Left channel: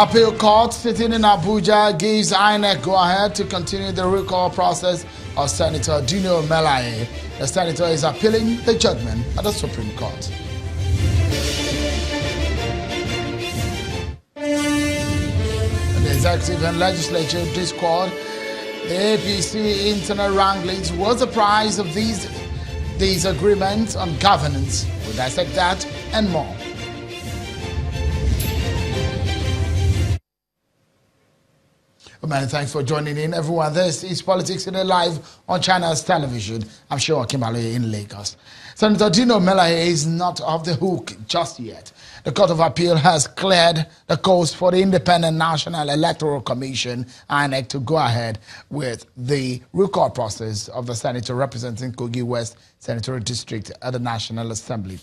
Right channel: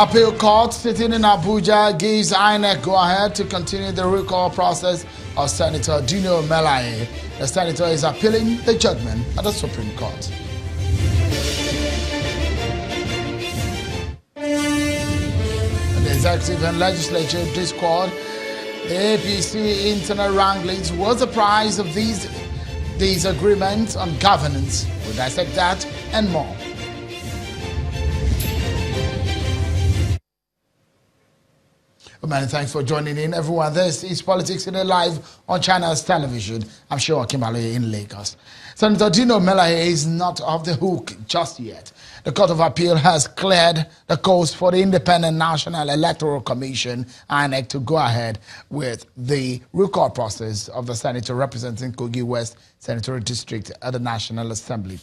Appeal court sitting in Abuja gives INEC go-ahead to continue the recall process of Senator Dino Melaye. The senator is appealing the judgment at the Supreme Court. The executive and legislature discord the APC internal wranglings was the price of these agreements on governance. We'll dissect that and more. Many thanks for joining in, everyone. This is Politics in a Live on China's television. I'm sure Melaye in Lagos. Senator Dino Melaye is not off the hook just yet. The Court of Appeal has cleared the coast for the Independent National Electoral Commission, INEC, to go ahead with the recall process of the senator representing Kogi West Senatorial District at the National Assembly.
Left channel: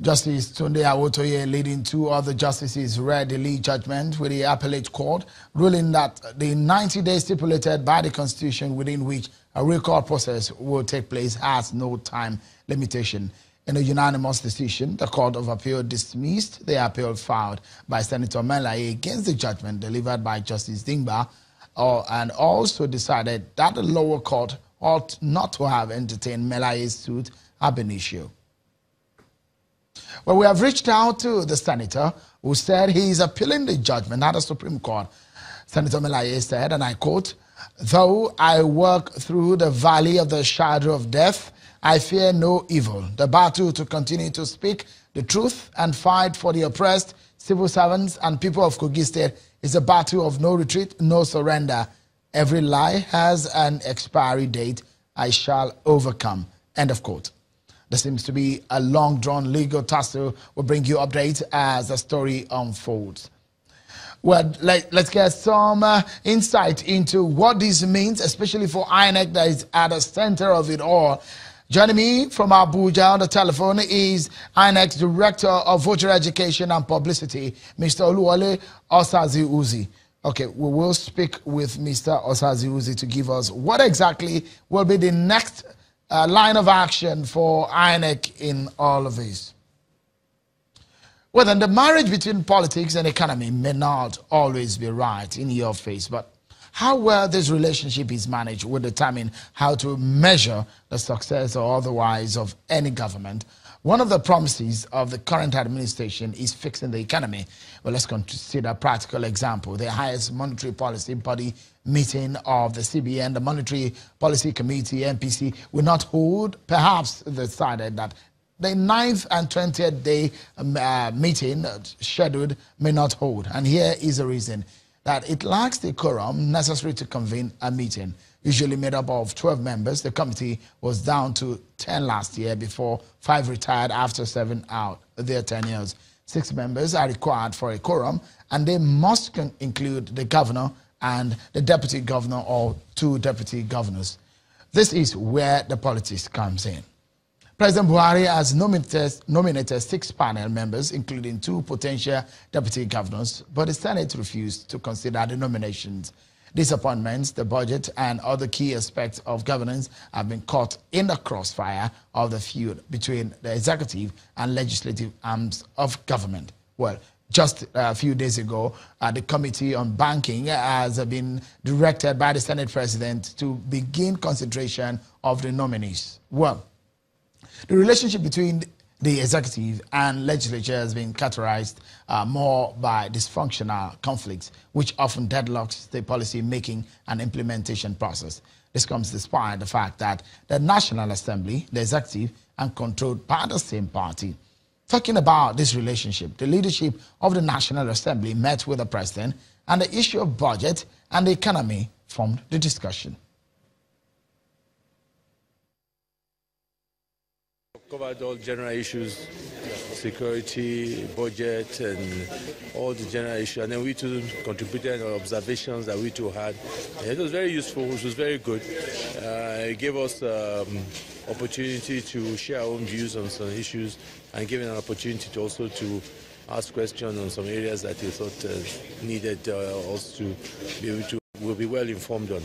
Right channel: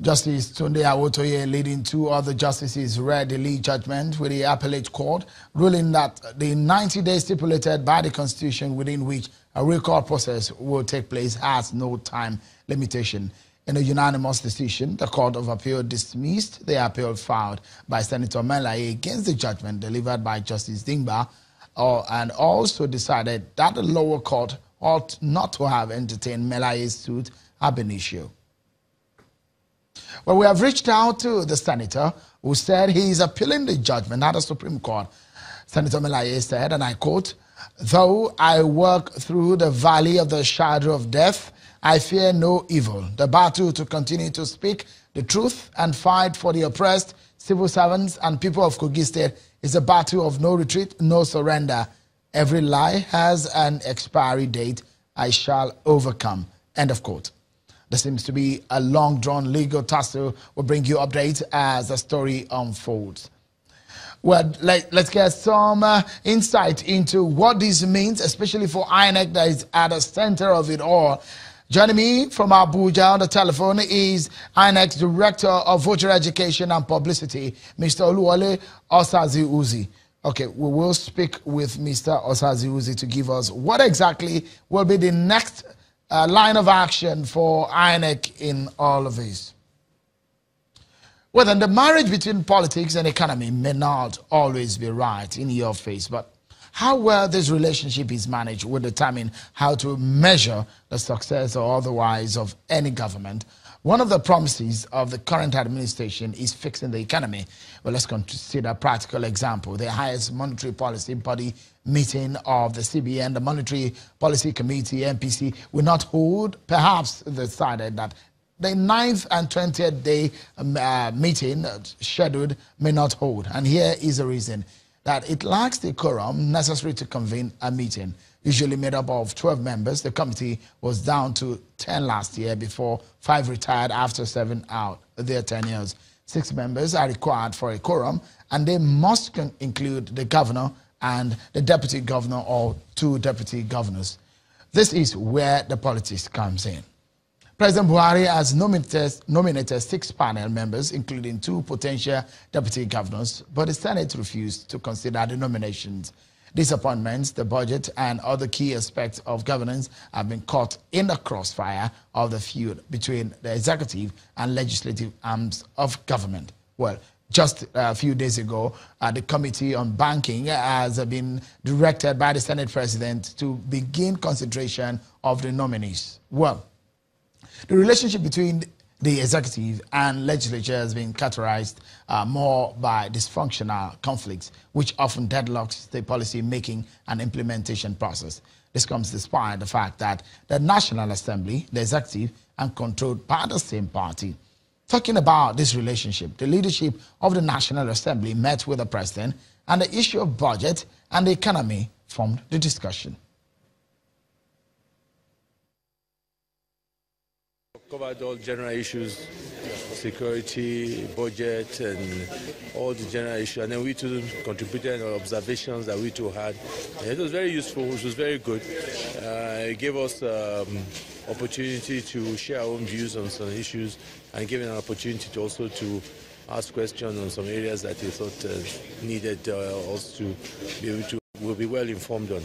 Justice Tunde Awotoye, leading two other justices, read the lead judgment with the appellate court, ruling that the 90 days stipulated by the Constitution within which a recall process will take place has no time limitation. In a unanimous decision, the Court of Appeal dismissed the appeal filed by Senator Melaye against the judgment delivered by Justice Dingba, and also decided that the lower court ought not to have entertained Melaye's suit ab initio. Well, we have reached out to the senator who said he is appealing the judgment at the Supreme Court. Senator Melaye said, and I quote, "Though I walk through the valley of the shadow of death, I fear no evil. The battle to continue to speak the truth and fight for the oppressed, civil servants and people of Kogi State is a battle of no retreat, no surrender. Every lie has an expiry date. I shall overcome." End of quote. There seems to be a long-drawn legal tussle. We'll bring you updates as the story unfolds. Well, let's get some insight into what this means, especially for INEC that is at the center of it all. Joining me from Abuja on the telephone is INEC's Director of Voter Education and Publicity, Mr. Oluwole Osazi-Uzi. Okay, we will speak with Mr. Osazi-Uzi to give us what exactly will be the next line of action for INEC in all of this. Well, then the marriage between politics and economy may not always be right in your face, but how well this relationship is managed will determine how to measure the success or otherwise of any government. One of the promises of the current administration is fixing the economy. Well, let's consider a practical example. The highest monetary policy body meeting of the CBN, the Monetary Policy Committee, MPC, will not hold. Perhaps decided that the 9th and 20th day meeting scheduled may not hold. And here is the reason: that it lacks the quorum necessary to convene a meeting. Usually made up of 12 members, the committee was down to 10 last year before 5 retired after 7 out their tenures. 6 members are required for a quorum, and they must include the governor and the deputy governor or 2 deputy governors. This is where the politics comes in. President Buhari has nominated 6 panel members, including 2 potential deputy governors, but the Senate refused to consider the nominations. These appointments, the budget, and other key aspects of governance have been caught in the crossfire of the feud between the executive and legislative arms of government. Well, just a few days ago, the Committee on Banking has been directed by the Senate President to begin consideration of the nominees. Well, the relationship between the executive and legislature has been characterized more by dysfunctional conflicts, which often deadlocks the policy-making and implementation process. This comes despite the fact that the National Assembly, the executive, are controlled by the same party. Talking about this relationship, the leadership of the National Assembly met with the President, and the issue of budget and the economy formed the discussion. Covered all general issues, security, budget, and all the general issues. And then we too contributed our observations that we too had. And it was very useful, it was very good. It gave us opportunity to share our own views on some issues, and gave an opportunity to also to ask questions on some areas that we thought needed us to be able to, will be well informed on.